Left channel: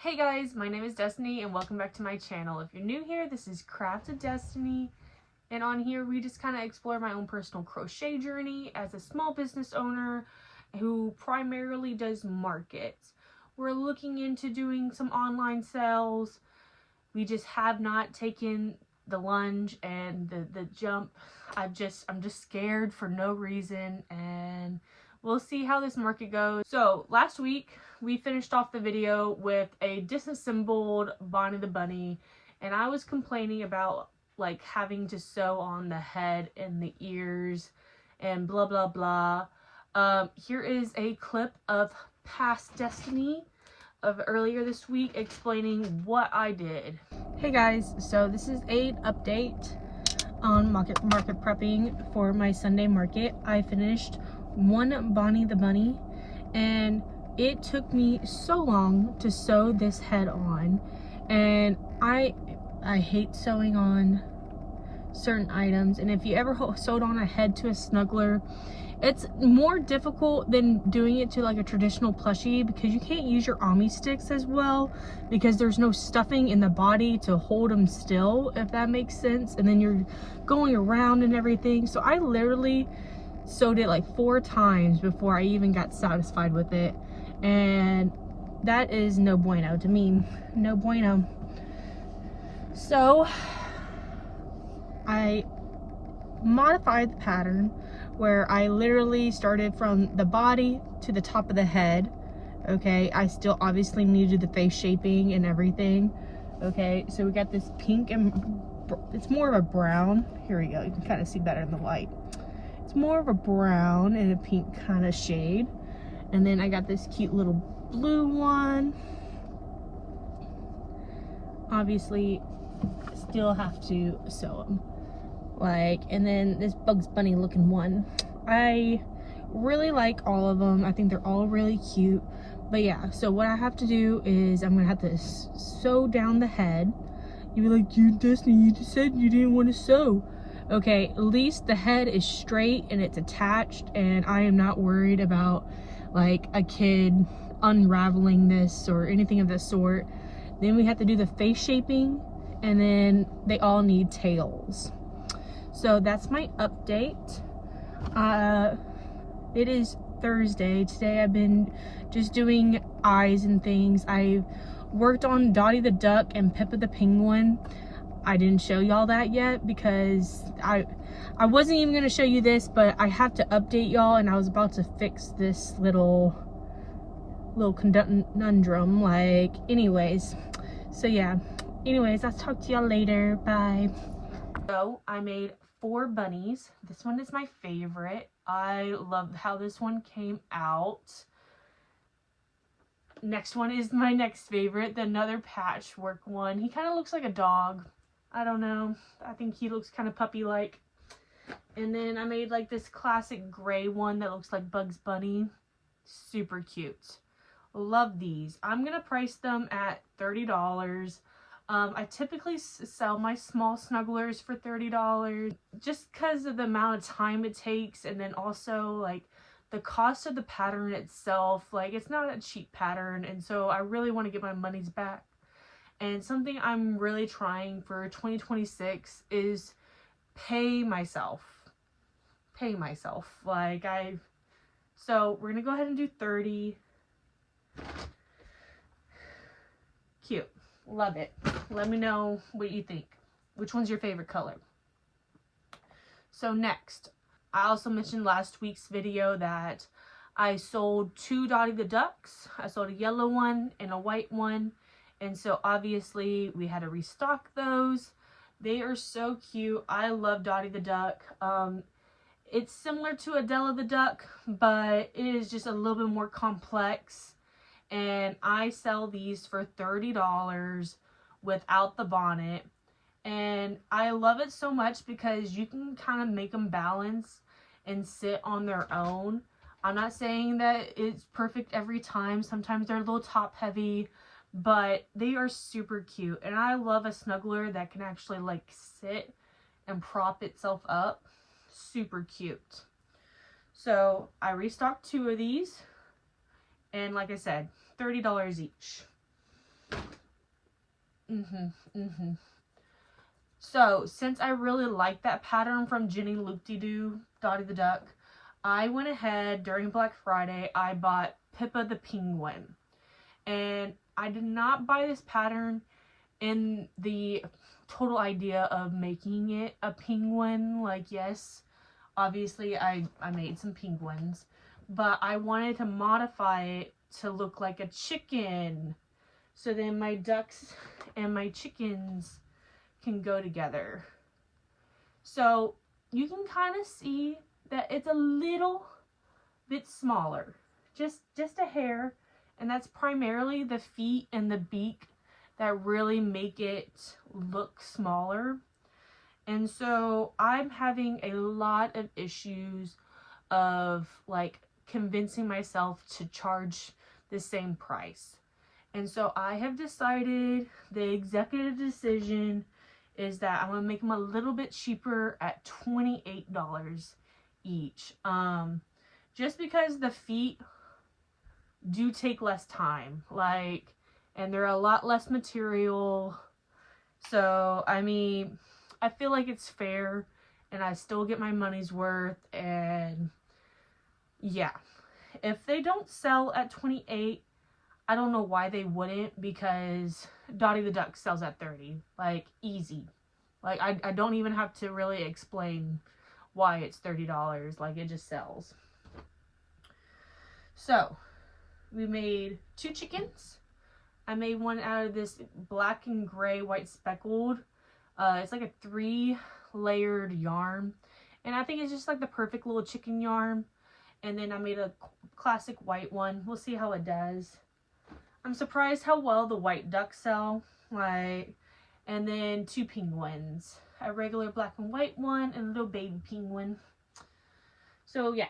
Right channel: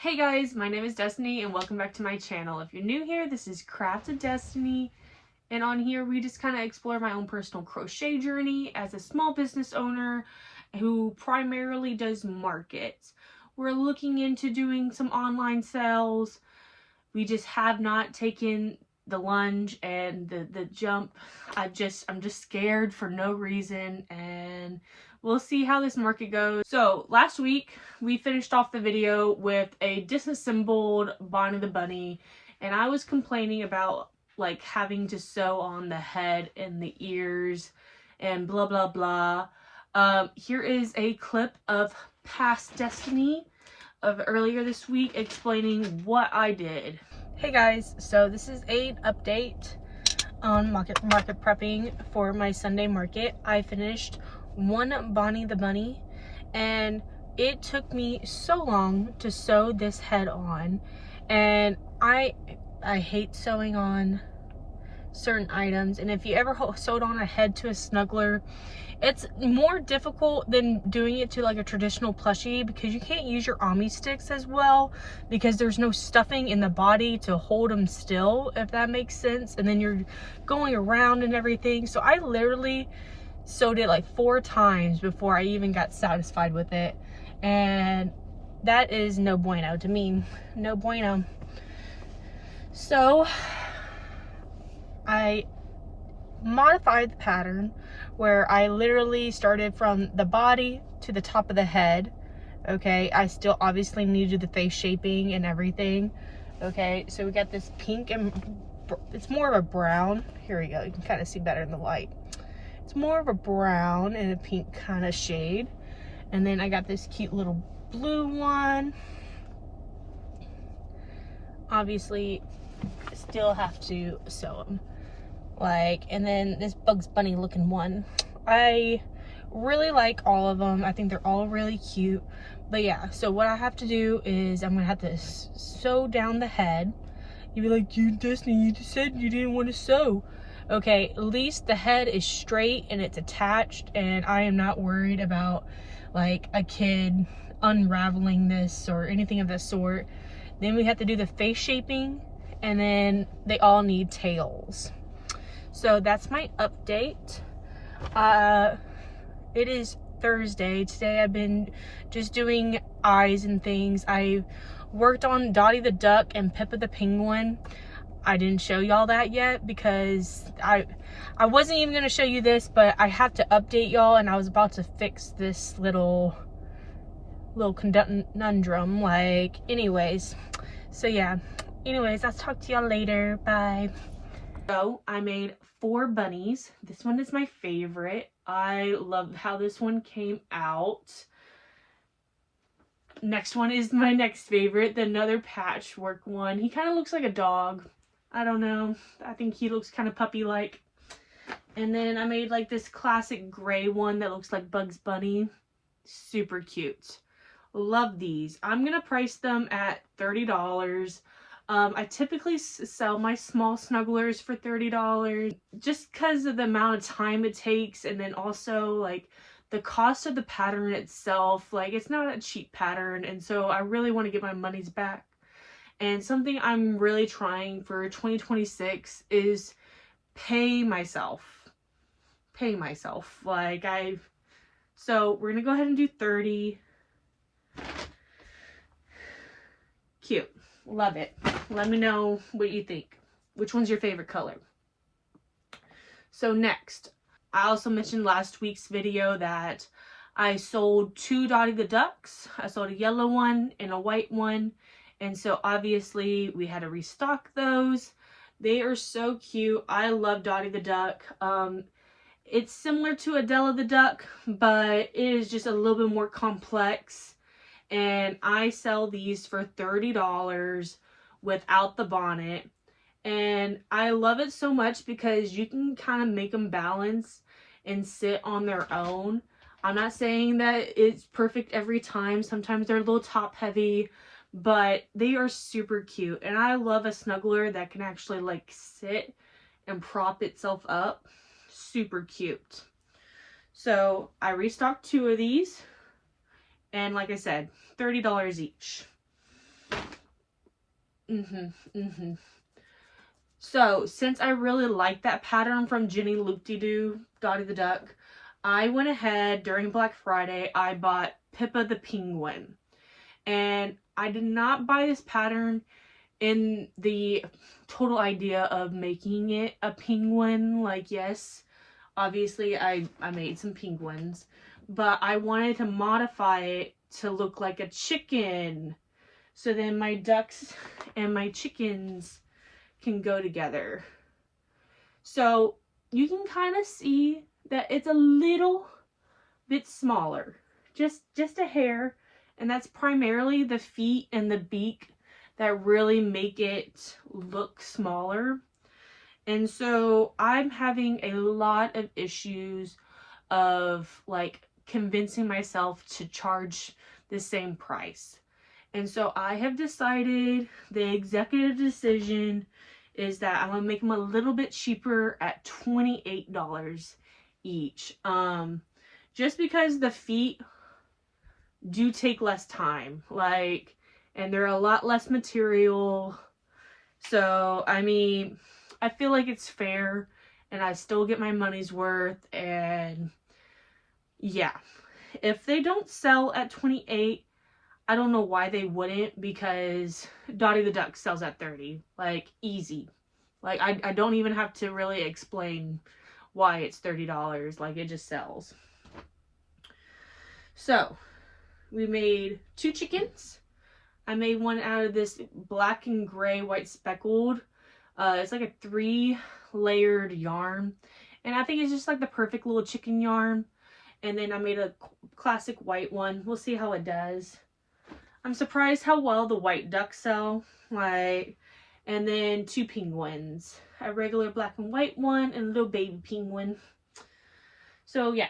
Hey guys, my name is Destiny and welcome back to my channel. If you're new here, this is Craft with Destiny, and on here we just kind of explore my own personal crochet journey as a small business owner who primarily does markets. We're looking into doing some online sales. We just have not taken the lunge and the jump. I'm just scared for no reason, and we'll see how this market goes. So last week we finished off the video with a disassembled Bonnie the Bunny, and I was complaining about like having to sew on the head and the ears and blah blah blah. Here is a clip of past Destiny of earlier this week explaining what I did. Hey guys, so this is an update on market prepping for my Sunday market. I finished one Bonnie the Bunny, and it took me so long to sew this head on, and I hate sewing on certain items. And if you ever sewed on a head to a snuggler, it's more difficult than doing it to like a traditional plushie because you can't use your Ami sticks as well because there's no stuffing in the body to hold them still, if that makes sense, and then you're going around and everything. So I literally sewed it like 4 times before I even got satisfied with it, and that is no bueno to me. No bueno. So I modified the pattern where I literally started from the body to the top of the head. Okay, I still obviously needed the face shaping and everything. Okay, so we got this pink, and it's more of a brown. Here we go, you can kind of see better in the light. It's more of a brown and a pink kind of shade. And then I got this cute little blue one. Obviously, still have to sew them. And then this Bugs Bunny looking one. I really like all of them. I think they're all really cute. But yeah, so what I have to do is I'm gonna have to sew down the head. You'd be like, you Destiny, you just said you didn't want to sew. Okay, at least the head is straight and it's attached, and I am not worried about like a kid unraveling this or anything of that sort. Then we have to do the face shaping, and then they all need tails. So that's my update. It is Thursday. Today I've been just doing eyes and things. I've worked on Dottie the duck and Pippa the penguin. I didn't show y'all that yet because I wasn't even gonna show you this, but I have to update y'all, and I was about to fix this little conundrum. Anyways, so yeah. Anyways, I'll talk to y'all later. Bye. So I made 4 bunnies. This one is my favorite. I love how this one came out. Next one is my next favorite, another patchwork one. He kind of looks like a dog. I don't know. I think he looks kind of puppy-like. And then I made like this classic gray one that looks like Bugs Bunny. Super cute. Love these. I'm going to price them at $30. I typically sell my small snugglers for $30 just because of the amount of time it takes, and then also like the cost of the pattern itself. Like, it's not a cheap pattern, and so I really want to get my money's back. And something I'm really trying for 2026 is pay myself. So we're gonna go ahead and do 30. Cute. Love it. Let me know what you think. Which one's your favorite color? So next, I also mentioned last week's video that I sold 2 Dottie the ducks. I sold a yellow one and a white one. And so obviously we had to restock those. They are so cute. I love Dottie the duck. It's similar to Adela the duck, but it is just a little bit more complex. And I sell these for $30 without the bonnet. And I love it so much because you can kind of make them balance and sit on their own. I'm not saying that it's perfect every time. Sometimes they're a little top heavy, but they are super cute. And I love a snuggler that can actually like sit and prop itself up. Super cute. So I restocked 2 of these, and like I said, $30 each. So, since I really like that pattern from Jenny Loop-de-Doo, Dottie the Duck, I went ahead during Black Friday, I bought Pippa the Penguin. And I did not buy this pattern in the total idea of making it a penguin. Like, yes, obviously I made some penguins, but I wanted to modify it to look like a chicken. So then my ducks and my chickens can go together. So you can kind of see that it's a little bit smaller, just a hair, and that's primarily the feet and the beak that really make it look smaller. And so I'm having a lot of issues of like convincing myself to charge the same price. And so I have decided, the executive decision is that I'm gonna make them a little bit cheaper at $28 each. Just because the feet do take less time, like, and they're a lot less material. So, I mean, I feel like it's fair and I still get my money's worth. And yeah, if they don't sell at 28, I don't know why they wouldn't, because Dottie the Duck sells at 30, like, easy. Like, I don't even have to really explain why it's $30, like, it just sells. So, we made 2 chickens. I made one out of this black and gray white speckled. It's like a 3-layered yarn. And I think it's just like the perfect little chicken yarn. And then I made a classic white one. We'll see how it does. I'm surprised how well the white ducks sell. Like, and then 2 penguins. A regular black and white one and a little baby penguin. So yeah,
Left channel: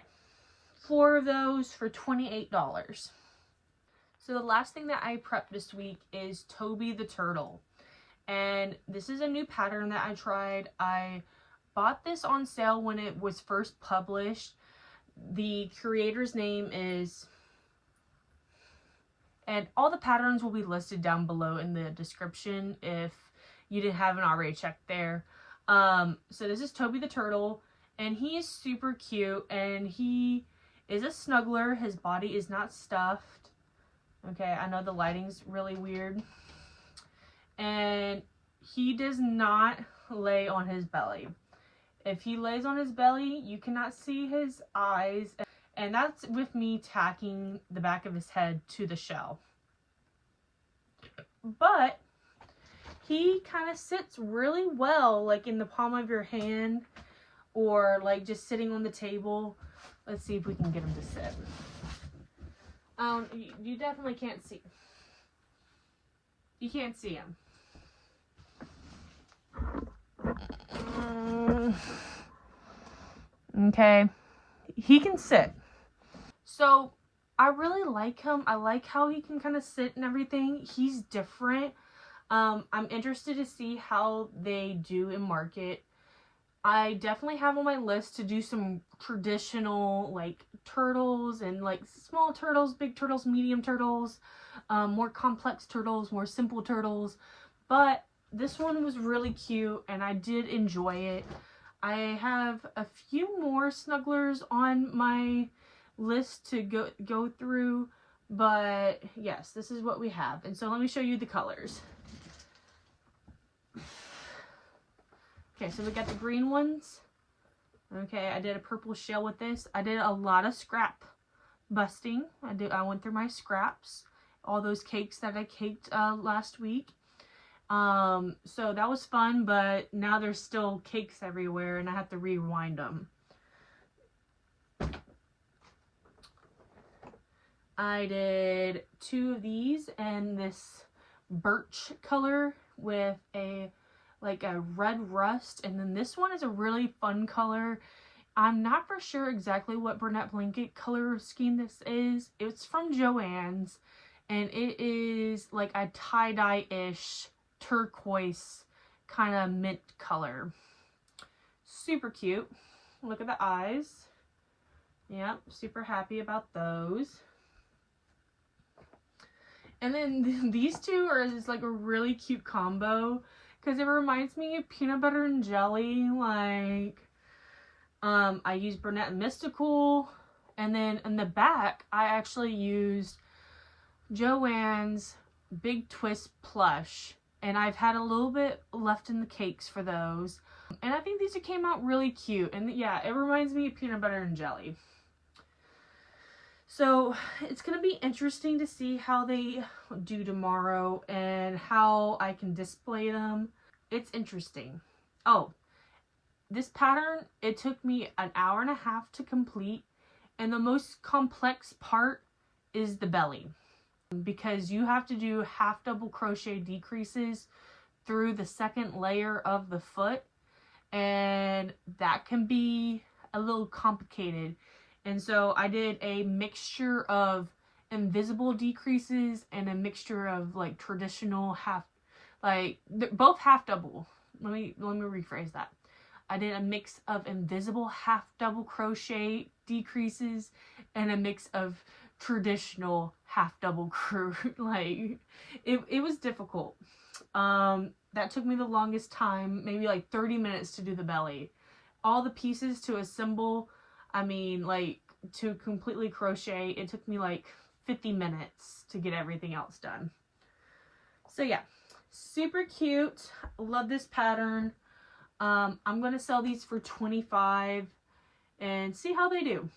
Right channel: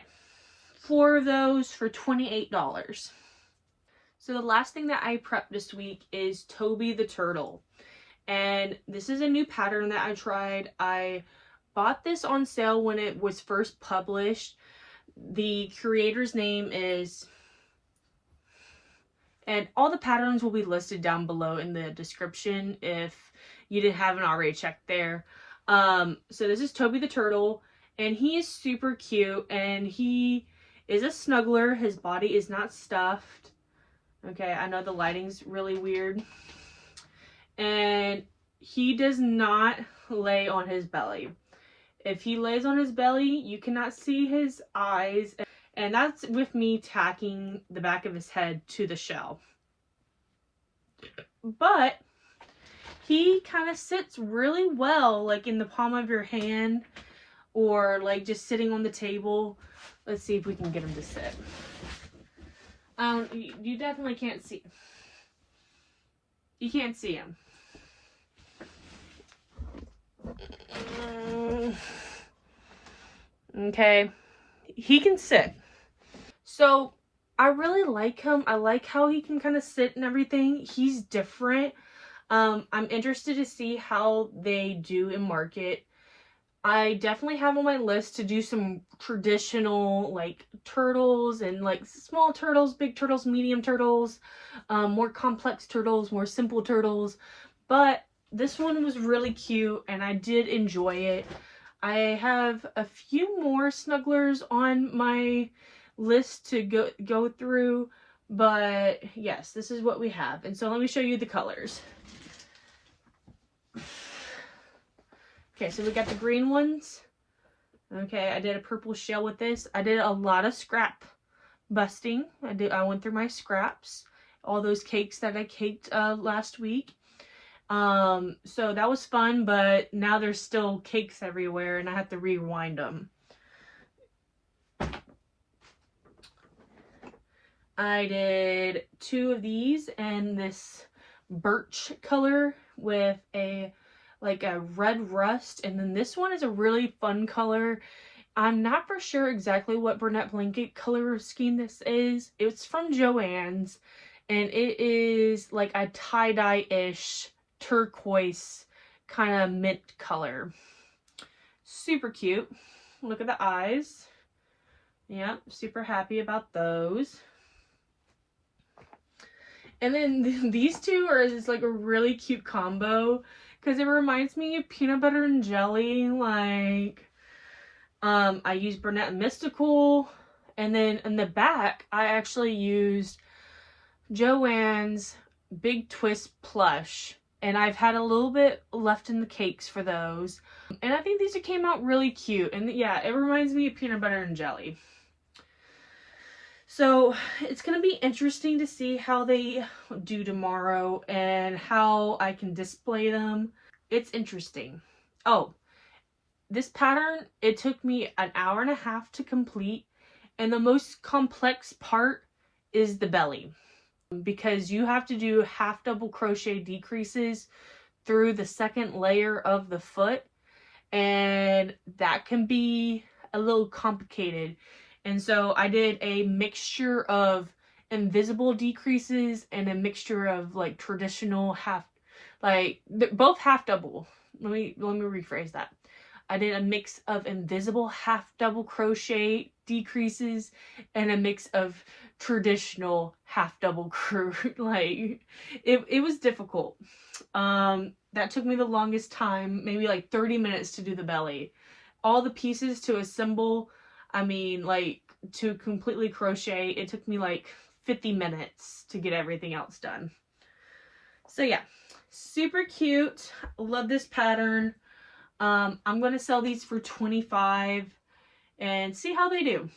4 of those for $28. So the last thing that I prepped this week is Tobie the Turtle. And this is a new pattern that I tried. I bought this on sale when it was first published. The creator's name is... And all the patterns will be listed down below in the description if you haven't already checked there. So this is Tobie the Turtle. And he is super cute. And he is a snuggler. His body is not stuffed. Okay, I know the lighting's really weird. And he does not lay on his belly. If he lays on his belly, you cannot see his eyes. And that's with me tacking the back of his head to the shell. But he kind of sits really well, like in the palm of your hand, or like just sitting on the table. Let's see if we can get him to sit. You definitely can't see. You can't see him. Okay. He can sit. So, I really like him. I like how he can kind of sit and everything. He's different. I'm interested to see how they do in market. I definitely have on my list to do some traditional, like, turtles and, like, small turtles, big turtles, medium turtles, more complex turtles, more simple turtles. But this one was really cute, and I did enjoy it. I have a few more snugglers on my list to go through, but yes, this is what we have. And so let me show you the colors. Okay, so we got the green ones. Okay, I did a purple shell with this. I did a lot of scrap busting. I went through my scraps, all those cakes that I caked last week. So that was fun, but now there's still cakes everywhere and I have to rewind them. I did 2 of these and this birch color with a red rust, and then this one is a really fun color. I'm not for sure exactly what Burnett Blanket color scheme this is. It's from Joann's, and it is like a tie-dye-ish turquoise kind of mint color. Super cute. Look at the eyes. Yep, super happy about those. And then these two are just like a really cute combo because it reminds me of peanut butter and jelly. Like, I used Burnett and Mystical, and then in the back, I actually used Joann's Big Twist plush, and I've had a little bit left in the cakes for those. And I think these came out really cute, and yeah, it reminds me of peanut butter and jelly. So it's going to be interesting to see how they do tomorrow and how I can display them. It's interesting. Oh, this pattern, it took me an hour and a half to complete, and the most complex part is the belly, because you have to do half double crochet decreases through the second layer of the foot, and that can be a little complicated. And so I did a mixture of invisible decreases and a mixture of like traditional both half double. Let me rephrase that. I did a mix of invisible half double crochet decreases and a mix of traditional half double like it was difficult. That took me the longest time, maybe like 30 minutes to do the belly. All the pieces to assemble, I mean, like, to completely crochet, it took me like 50 minutes to get everything else done. So yeah, super cute. Love this pattern. I'm going to sell these for $25 and see how they do.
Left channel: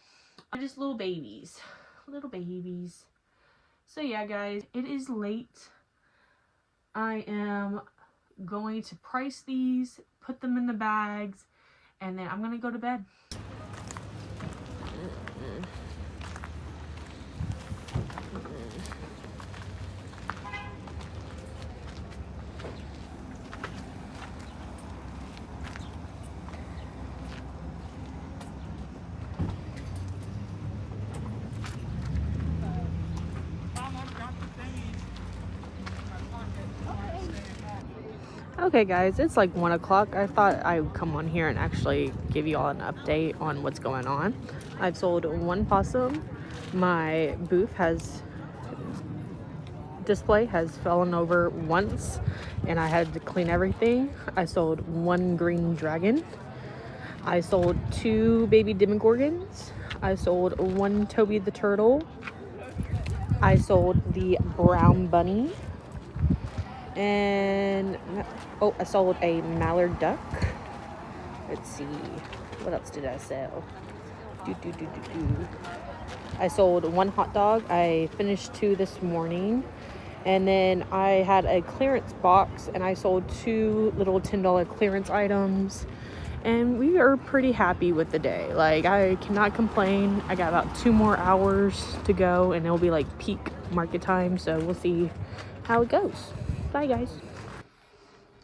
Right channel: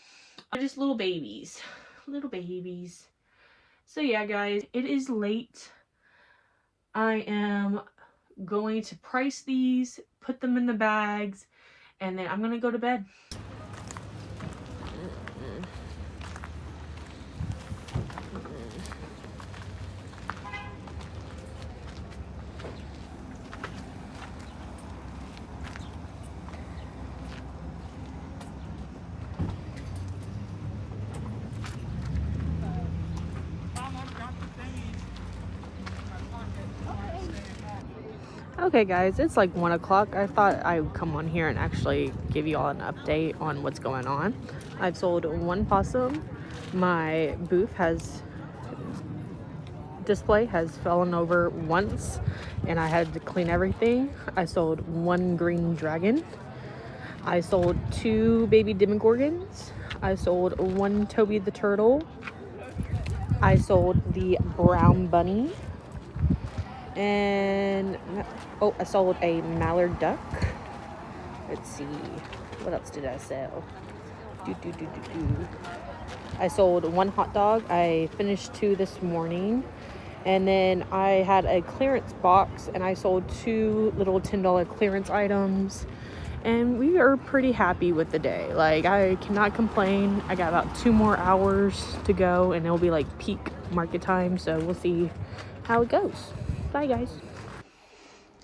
They're just little babies. Little babies. So yeah, guys, it is late. I am going to price these, put them in the bags, and then I'm going to go to bed. Okay guys, it's like 1 o'clock. I thought I would come on here and actually give you all an update on what's going on. I've sold 1 possum. My booth display has fallen over once and I had to clean everything. I sold 1 green dragon. I sold 2 baby demogorgons. I sold 1 Tobie the Turtle. I sold the brown bunny. And oh, I sold a mallard duck. Let's see, what else did I sell? I sold 1 hot dog. I finished 2 this morning, and then I had a clearance box and I sold 2 little $10 clearance items, and we are pretty happy with the day. Like, I cannot complain. I got about 2 more hours to go and it'll be like peak market time, so we'll see how it goes. Bye guys.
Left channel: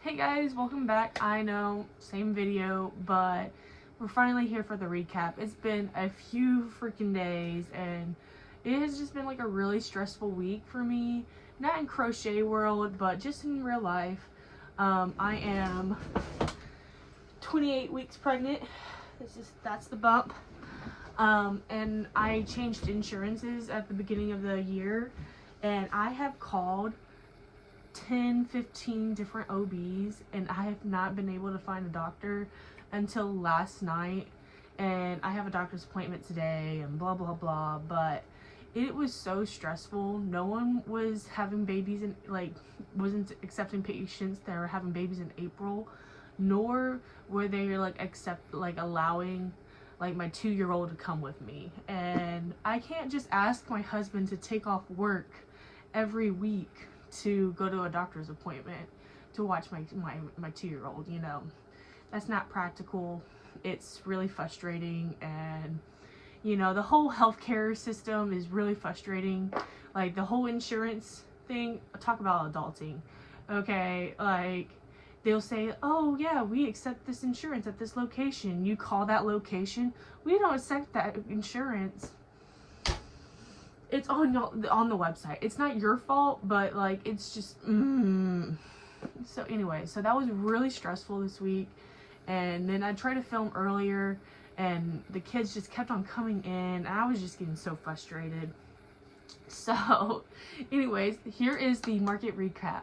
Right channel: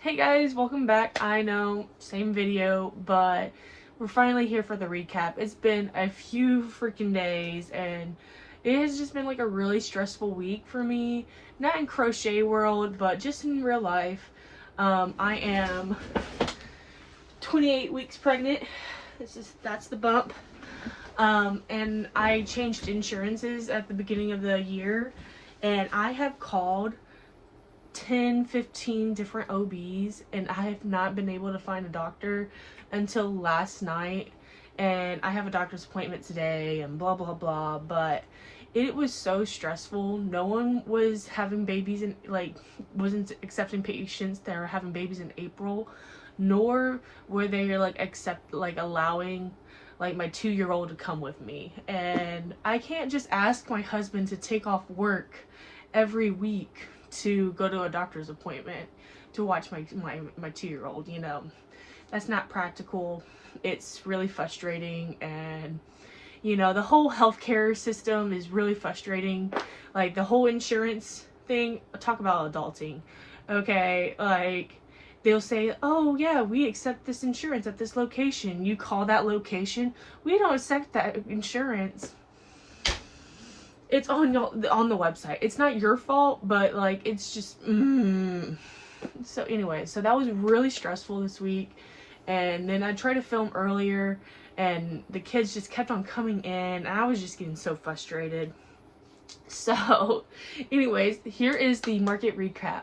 Hey guys, welcome back. I know, same video, but we're finally here for the recap. It's been a few freaking days and it has just been like a really stressful week for me. Not in crochet world, but just in real life. I am 28 weeks pregnant. That's the bump. And I changed insurances at the beginning of the year, and I have called 10-15 different OBs and I have not been able to find a doctor until last night, and I have a doctor's appointment today and blah blah blah. But it was so stressful. No one was having babies and wasn't accepting patients that are having babies in April, nor were they allowing my 2-year-old to come with me. And I can't just ask my husband to take off work every week to go to a doctor's appointment to watch my 2-year-old, you know. That's not practical. It's really frustrating, and you know, the whole healthcare system is really frustrating. Like, the whole insurance thing, talk about adulting. Okay, like, they'll say, oh yeah, we accept this insurance at this location. You call that location, we don't accept that insurance. It's on the website. It's not your fault, but like, it's just So anyway, so that was really stressful this week. And then I tried to film earlier and the kids just kept on coming in and I was just getting so frustrated. So anyways, here is the market recap.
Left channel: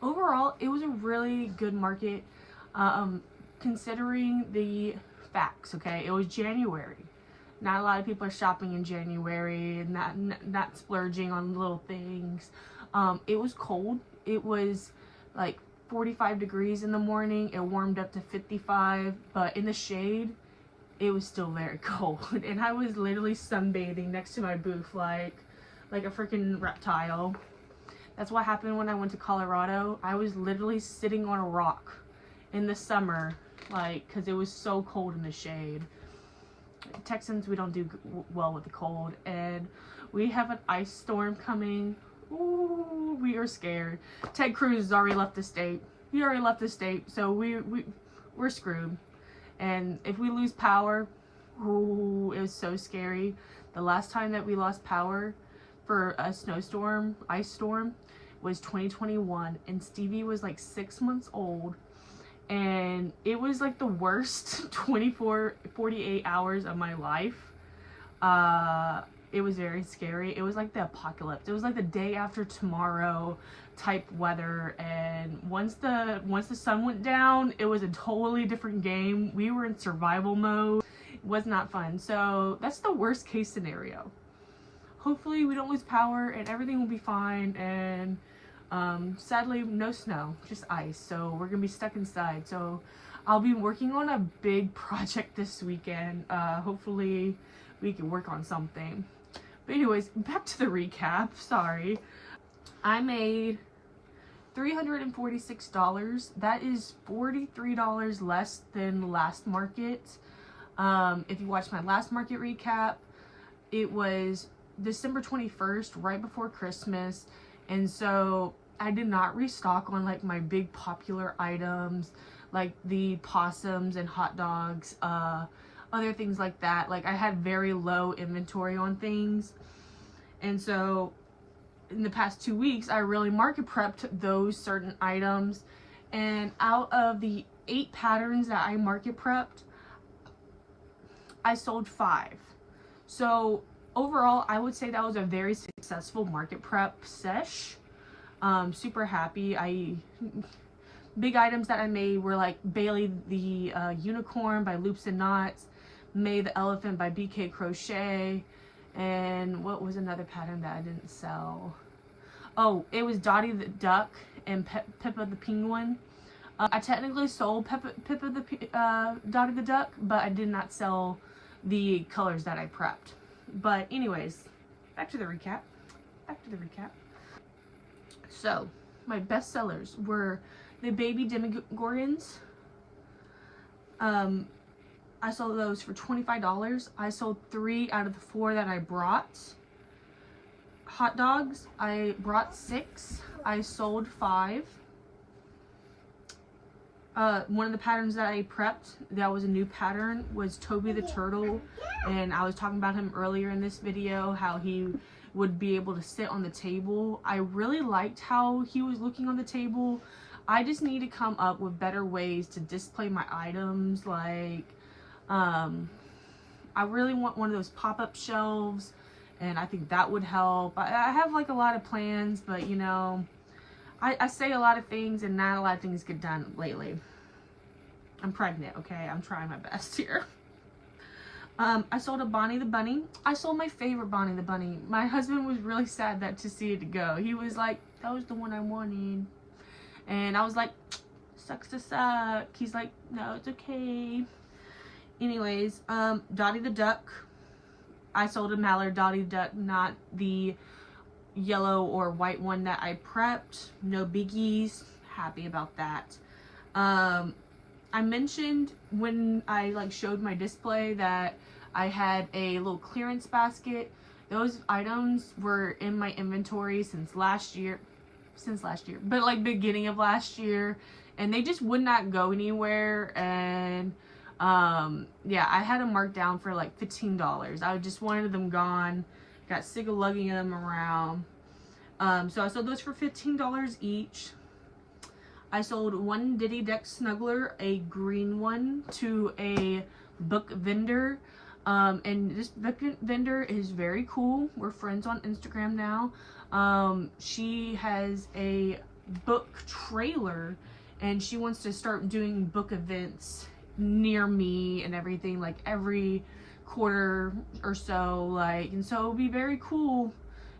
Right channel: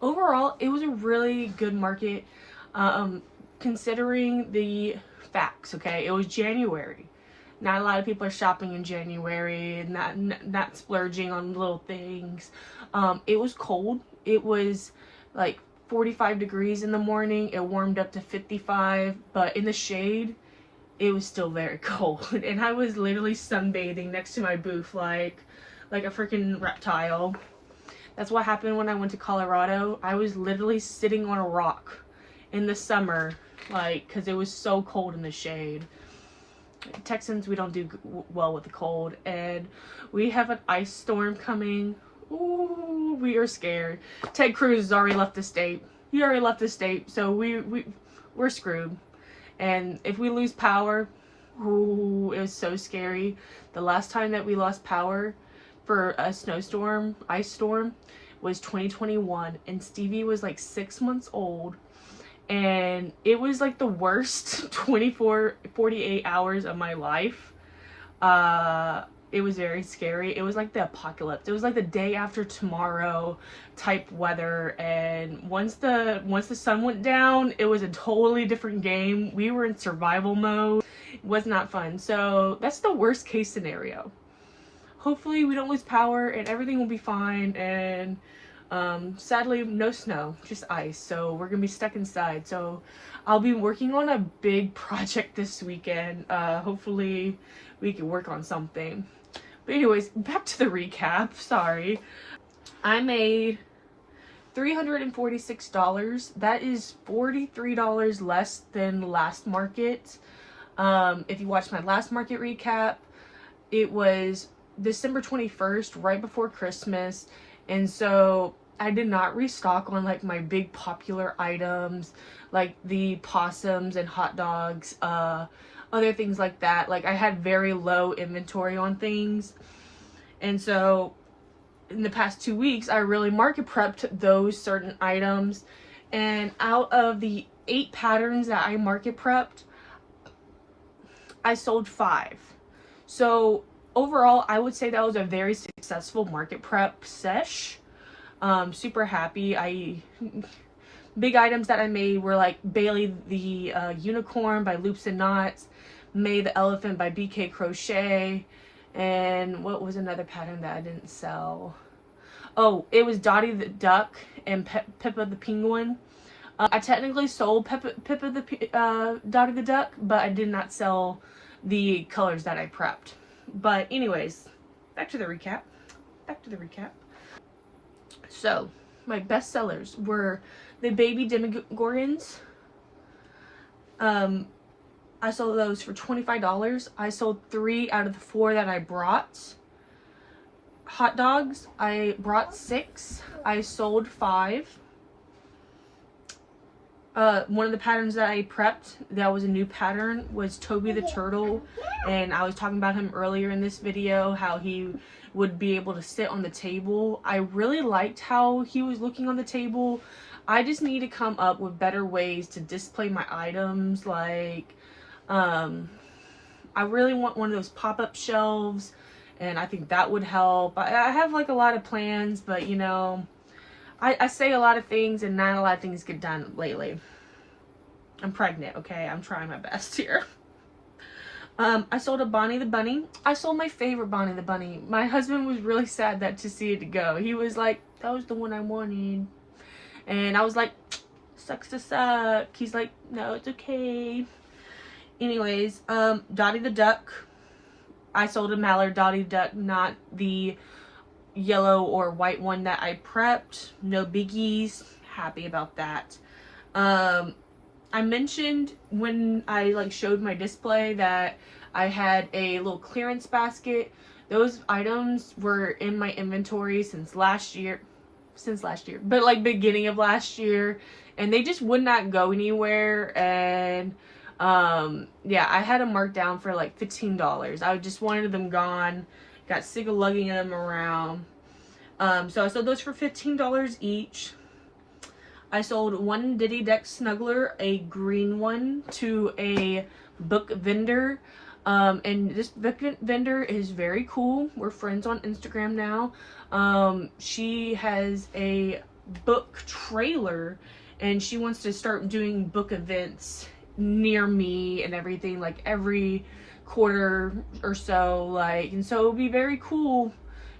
Overall, it was a really good market, considering the facts. Okay, it was January. Not a lot of people are shopping in January and not splurging on little things. It was cold. It was like 45 degrees in the morning. It warmed up to 55, but in the shade, it was still very cold. And I was literally sunbathing next to my booth like a freaking reptile. That's what happened when I went to Colorado. I was literally sitting on a rock in the summer, like, because it was so cold in the shade. Texans, we don't do well with the cold, and we have an ice storm coming. Ooh, we are scared. Ted Cruz has already left the state. He already left the state, so we're screwed. And if we lose power, ooh, it was so scary. The last time that we lost power for a snowstorm, ice storm, was 2021, and Stevie was like 6 months old, and it was like the worst 48 hours of my life. It was very scary. It was like the apocalypse. It was like the day after tomorrow type weather, and once the sun went down, it was a totally different game. We were in survival mode. It was not fun. So that's the worst case scenario. Hopefully we don't lose power and everything will be fine, and sadly no snow, just ice, so we're gonna be stuck inside. So I'll be working on a big project this weekend. Hopefully we can work on something. But anyways, back to the recap. Sorry. I made $346. That is $43 less than last market. If you watched my last market recap, it was December 21st, right before Christmas, and so I did not restock on like my big popular items like the possums and hot dogs, other things like that. Like, I had very low inventory on things, and so in the past 2 weeks I really market prepped those certain items, and out of the 8 patterns that I market prepped, I sold 5. So overall, I would say that was a very successful market prep sesh. Super happy. Big items that I made were like Bailee the Unicorn by Loops and Knots, May the Elephant by BK Crochet, and what was another pattern that I didn't sell? Oh, it was Dottie the Duck and Pippa the Penguin. I technically sold Pippa the Dottie the Duck, but I did not sell the colors that I prepped. But anyways, back to the recap. So my best sellers were the baby demigorgons. I sold those for $25. I sold 3 out of the 4 that I brought. Hot dogs, I brought 6. I sold 5. One of the patterns that I prepped that was a new pattern was Tobie the Turtle, and I was talking about him earlier in this video, how he would be able to sit on the table. I really liked how he was looking on the table. I just need to come up with better ways to display my items. Like, I really want one of those pop-up shelves, and I think that would help. I have like a lot of plans, but you know, I say a lot of things and not a lot of things get done lately. I'm pregnant, okay? I'm trying my best here. I sold a Bonnie the Bunny. I sold my favorite Bonnie the Bunny. My husband was really sad that to see it go. He was like, that was the one I wanted. And I was like, sucks to suck. He's like, no, it's okay. Anyways, Dottie the Duck. I sold a mallard Dottie Duck, not the yellow or white one that I prepped. No biggies. Happy about that. I mentioned when I like showed my display that I had a little clearance basket. Those items were in my inventory since last year, but like beginning of last year, and they just would not go anywhere. And yeah, I had them marked down for like $15. I just wanted them gone. Got sick of lugging them around. So I sold those for $15 each. I sold one Diddy Deck Snuggler, a green one, to a book vendor. And this book vendor is very cool. We're friends on Instagram now. She has a book trailer, and she wants to start doing book events near me and everything, like every quarter or so, like, and so it would be very cool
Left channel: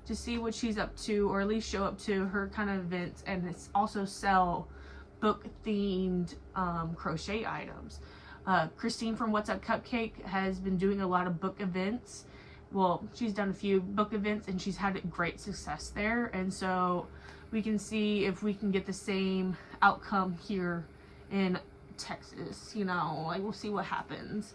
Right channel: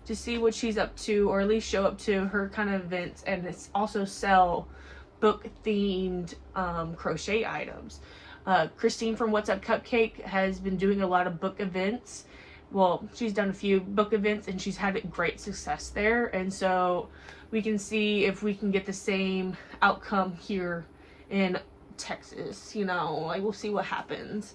to see what she's up to, or at least show up to her kind of events, and it's also sell book themed crochet items. Christine from What's Up Cupcake has been doing a lot of book events. Well, she's done a few book events and she's had great success there, and so we can see if we can get the same outcome here in Texas, you know, like we'll see what happens.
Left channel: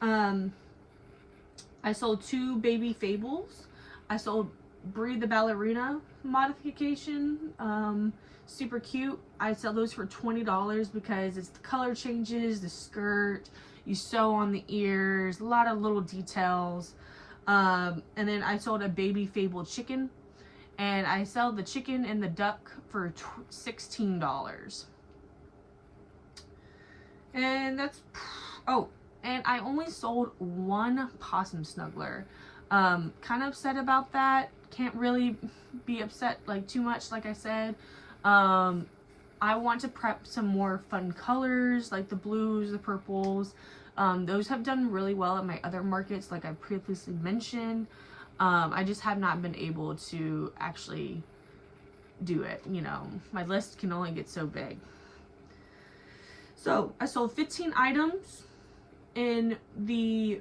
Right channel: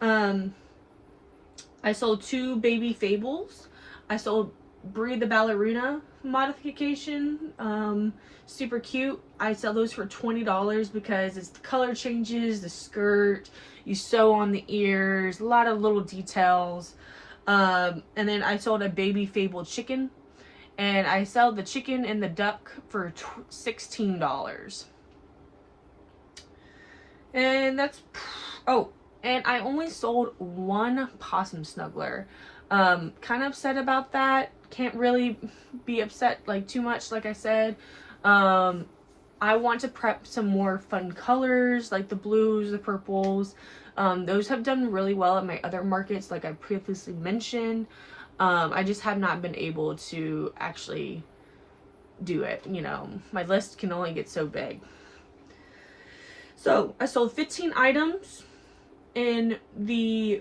I sold 2 baby fables. I sold Brie the ballerina modification, super cute. I sell those for $20 because it's the color changes, the skirt, you sew on the ears, a lot of little details. And then I sold a baby fable chicken, and I sell the chicken and the duck for $16. And that's, oh, and I only sold 1 possum snuggler. Kind of upset about that. Can't really be upset like too much, like I said. I want to prep some more fun colors, like the blues, the purples. Those have done really well at my other markets, like I previously mentioned. I just have not been able to actually do it. You know, my list can only get so big. So I sold 15 items in the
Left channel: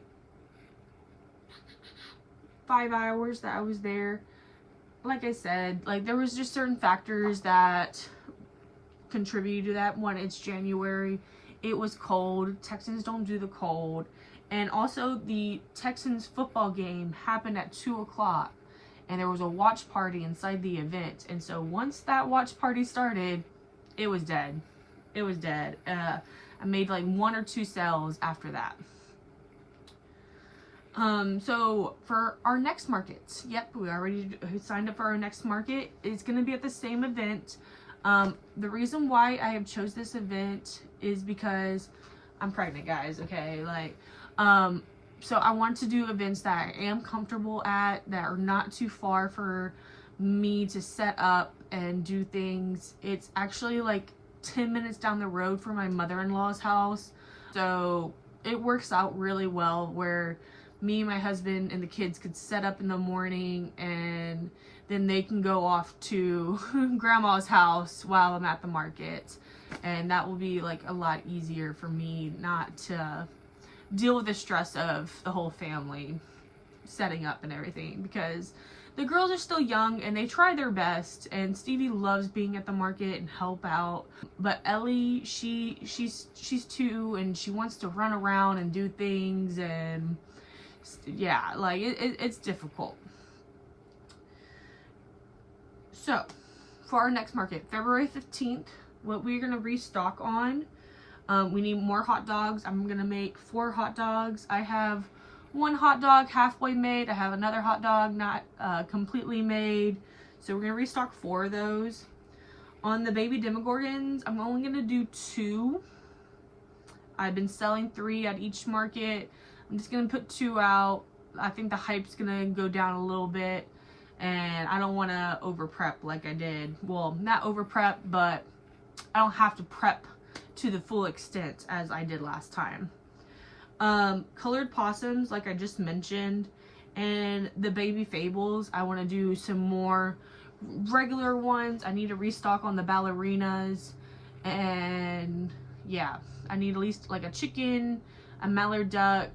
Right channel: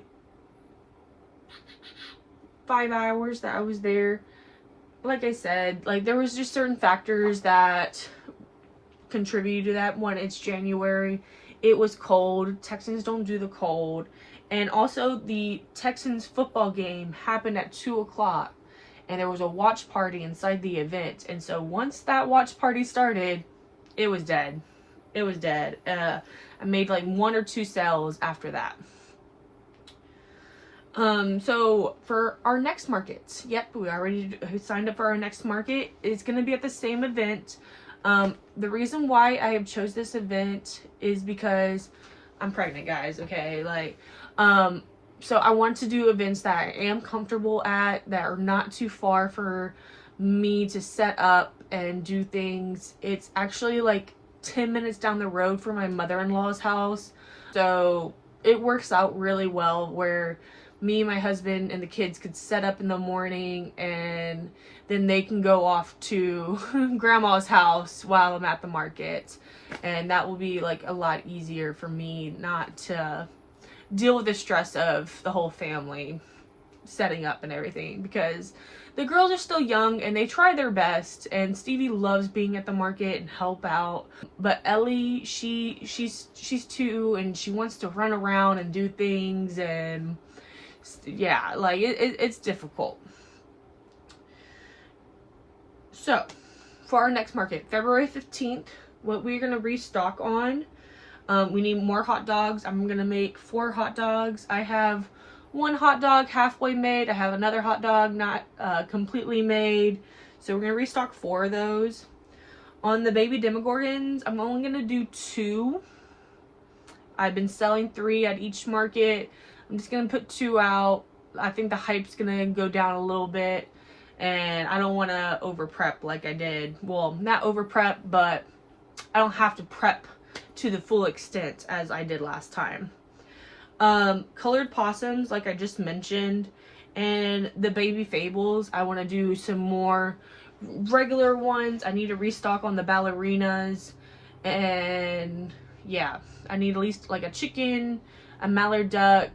5 hours that I was there. Like I said, like there was just certain factors that contributed to that. One, it's January. It was cold. Texans don't do the cold. And also the Texans football game happened at 2 o'clock. And there was a watch party inside the event. And so once that watch party started, it was dead. It was dead. I made like 1 or 2 sales after that. So for our next market, yep, we already signed up for our next market. It's going to be at the same event. The reason why I have chose this event is because I'm pregnant, guys. Okay. Like, so I want to do events that I am comfortable at, that are not too far for me to set up and do things. It's actually like 10 minutes down the road from my mother-in-law's house. So it works out really well where me, my husband, and the kids could set up in the morning, and then they can go off to grandma's house while I'm at the market. And that will be like a lot easier for me not to deal with the stress of the whole family setting up and everything, because the girls are still young and they try their best, and Stevie loves being at the market and help out. But Ellie, she's 2 and she wants to run around and do things, and yeah, like it's difficult. So for our next market, February 15th, what we're going to restock on, we need more hot dogs. I'm going to make 4 hot dogs. I have 1 hot dog halfway made. I have another hot dog not completely made. So we're going to restock 4 of those. On the baby demogorgons, I'm only going to do 2. I've been selling 3 at each market. I'm just going to put 2 out. I think the hype's going to go down a little bit, and I don't want to over prep like I did. Well, not over prep, but I don't have to prep to the full extent as I did last time. Colored possums, like I just mentioned, and the baby fables, I want to do some more regular ones. I need to restock on the ballerinas, and yeah, I need at least like a chicken, a mallard duck.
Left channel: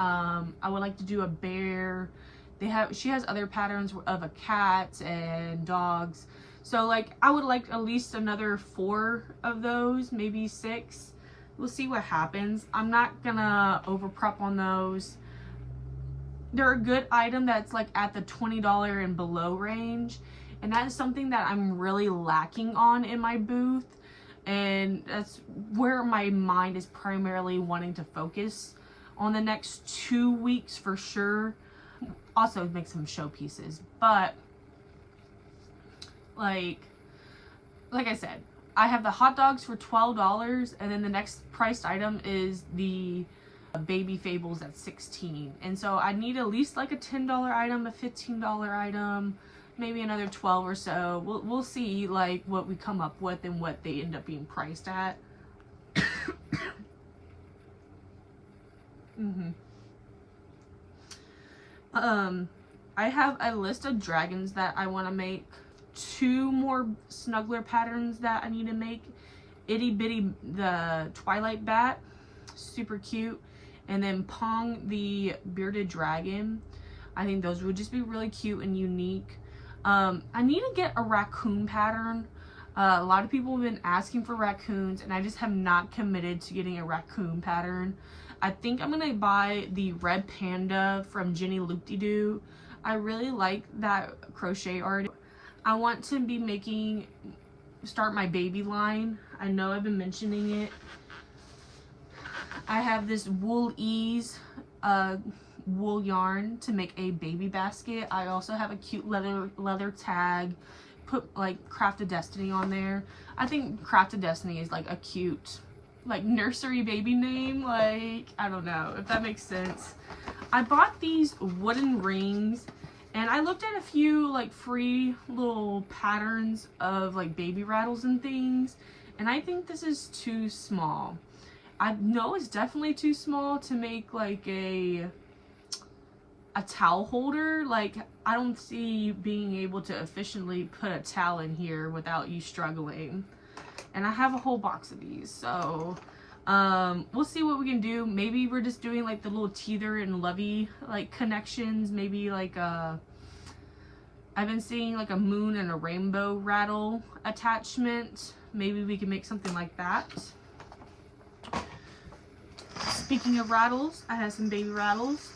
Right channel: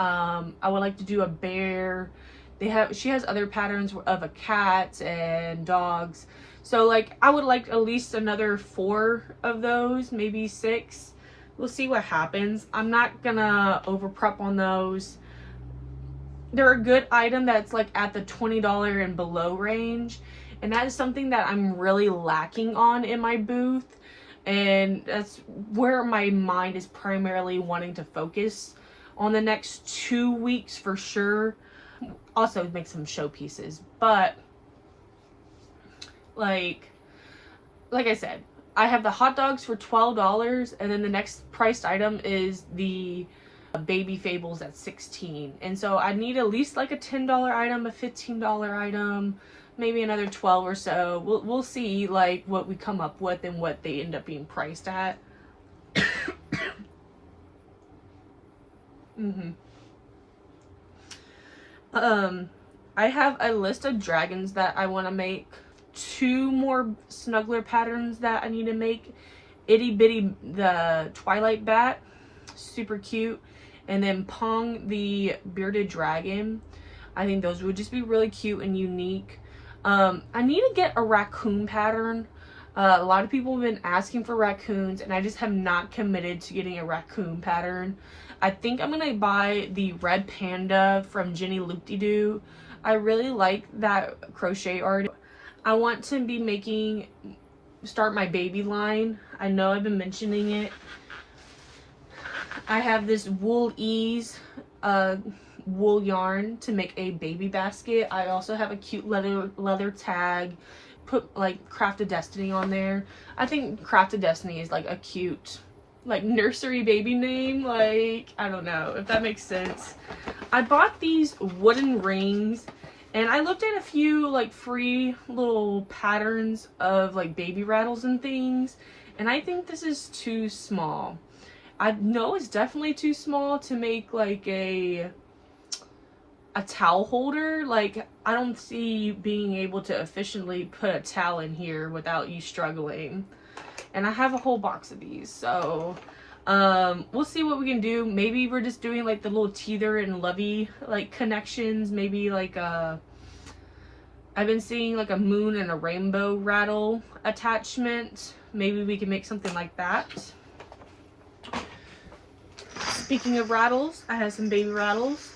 I would like to do a bear. She has other patterns of a cat and dogs. So like I would like at least another 4 of those, maybe 6. We'll see what happens. I'm not gonna over prep on those. They're a good item that's like at the $20 and below range. And that is something that I'm really lacking on in my booth. And that's where my mind is primarily wanting to focus on the next 2 weeks for sure. Also make some showpieces, but like I said, I have the hot dogs for $12, and then the next priced item is the Baby Fables at $16. And so I need at least like a $10 item, a $15 item, maybe another 12 or so. We'll see like what we come up with and what they end up being priced at. I have a list of dragons that I want to make. 2 more snuggler patterns that I need to make. Itty Bitty the Twilight Bat, super cute, and then Pong the Bearded Dragon. I think those would just be really cute and unique. I need to get a raccoon pattern. A lot of people have been asking for raccoons, and I just have not committed to getting a raccoon pattern. I think I'm gonna buy the red panda from Jenny Loop-de-Doo. I really like that crochet art. I want to start my baby line. I know I've been mentioning it. I have this Wool Ease wool yarn to make a baby basket. I also have a cute leather tag. Put like Craft of Destiny on there. I think Craft of Destiny is like a cute like nursery baby name. Like, I don't know if that makes sense. I bought these wooden rings, and I looked at a few like free little patterns of like baby rattles and things, and I think this is too small. I know it's definitely too small to make like a towel holder. Like, I don't see you being able to efficiently put a towel in here without you struggling. And I have a whole box of these, so we'll see what we can do. Maybe we're just doing like the little teether and lovey like connections. Maybe like I've been seeing like a moon and a rainbow rattle attachment. Maybe we can make something like that. Speaking of rattles, I have some baby rattles.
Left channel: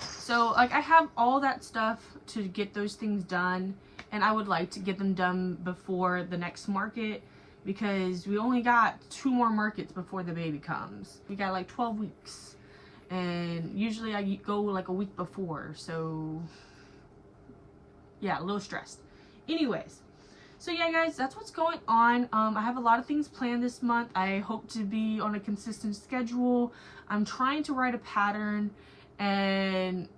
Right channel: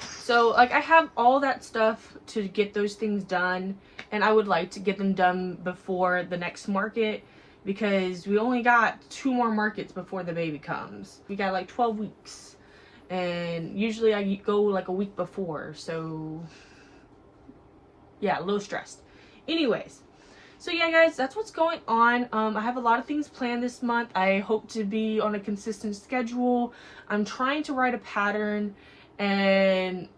So like I have all that stuff to get those things done, and I would like to get them done before the next market, because we only got 2 more markets before the baby comes. We got like 12 weeks, and usually I go like a week before, so yeah, a little stressed. Anyways, so yeah guys, that's what's going on. I have a lot of things planned this month. I hope to be on a consistent schedule. I'm trying to write a pattern, and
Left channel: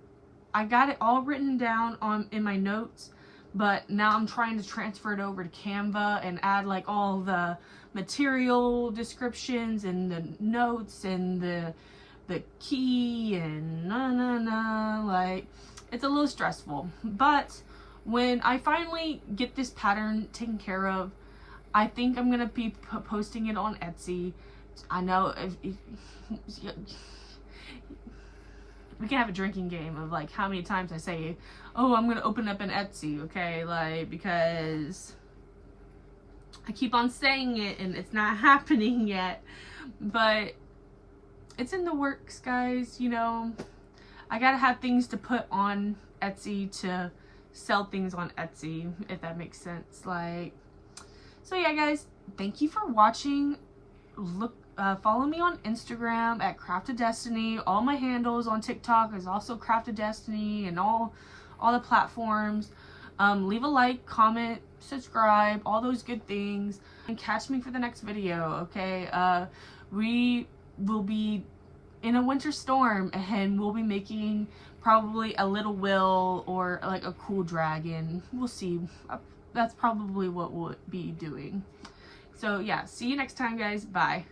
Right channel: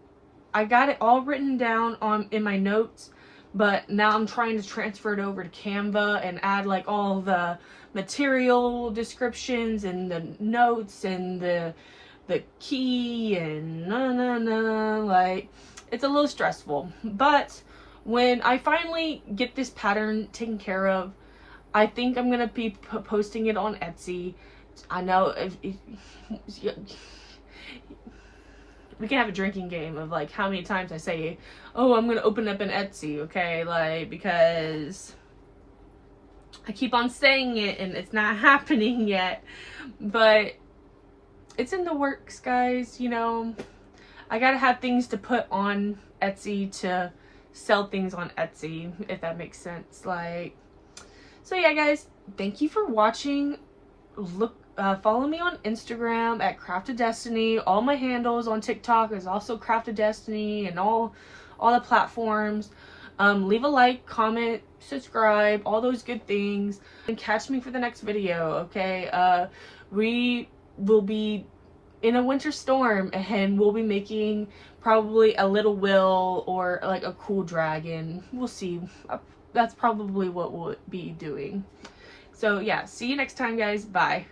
I got it all written down in my notes, but now I'm trying to transfer it over to Canva and add like all the material descriptions and the notes and the key and like, it's a little stressful. But when I finally get this pattern taken care of, I think I'm gonna be posting it on Etsy. I know we can have a drinking game of like how many times I say, oh, I'm gonna open up an Etsy, okay? Like, because I keep on saying it and it's not happening yet, but it's in the works, guys. You know, I gotta have things to put on Etsy to sell things on Etsy, if that makes sense. Like, so yeah guys, thank you for watching. Follow me on Instagram at Craft of Destiny. All my handles on TikTok is also Craft of Destiny, and all the platforms. Leave a like, comment, subscribe, all those good things, and catch me for the next video. Okay, we will be in a winter storm, and we'll be making probably a little Will or like a cool dragon. We'll see. That's probably what we'll be doing. So yeah, see you next time guys. Bye.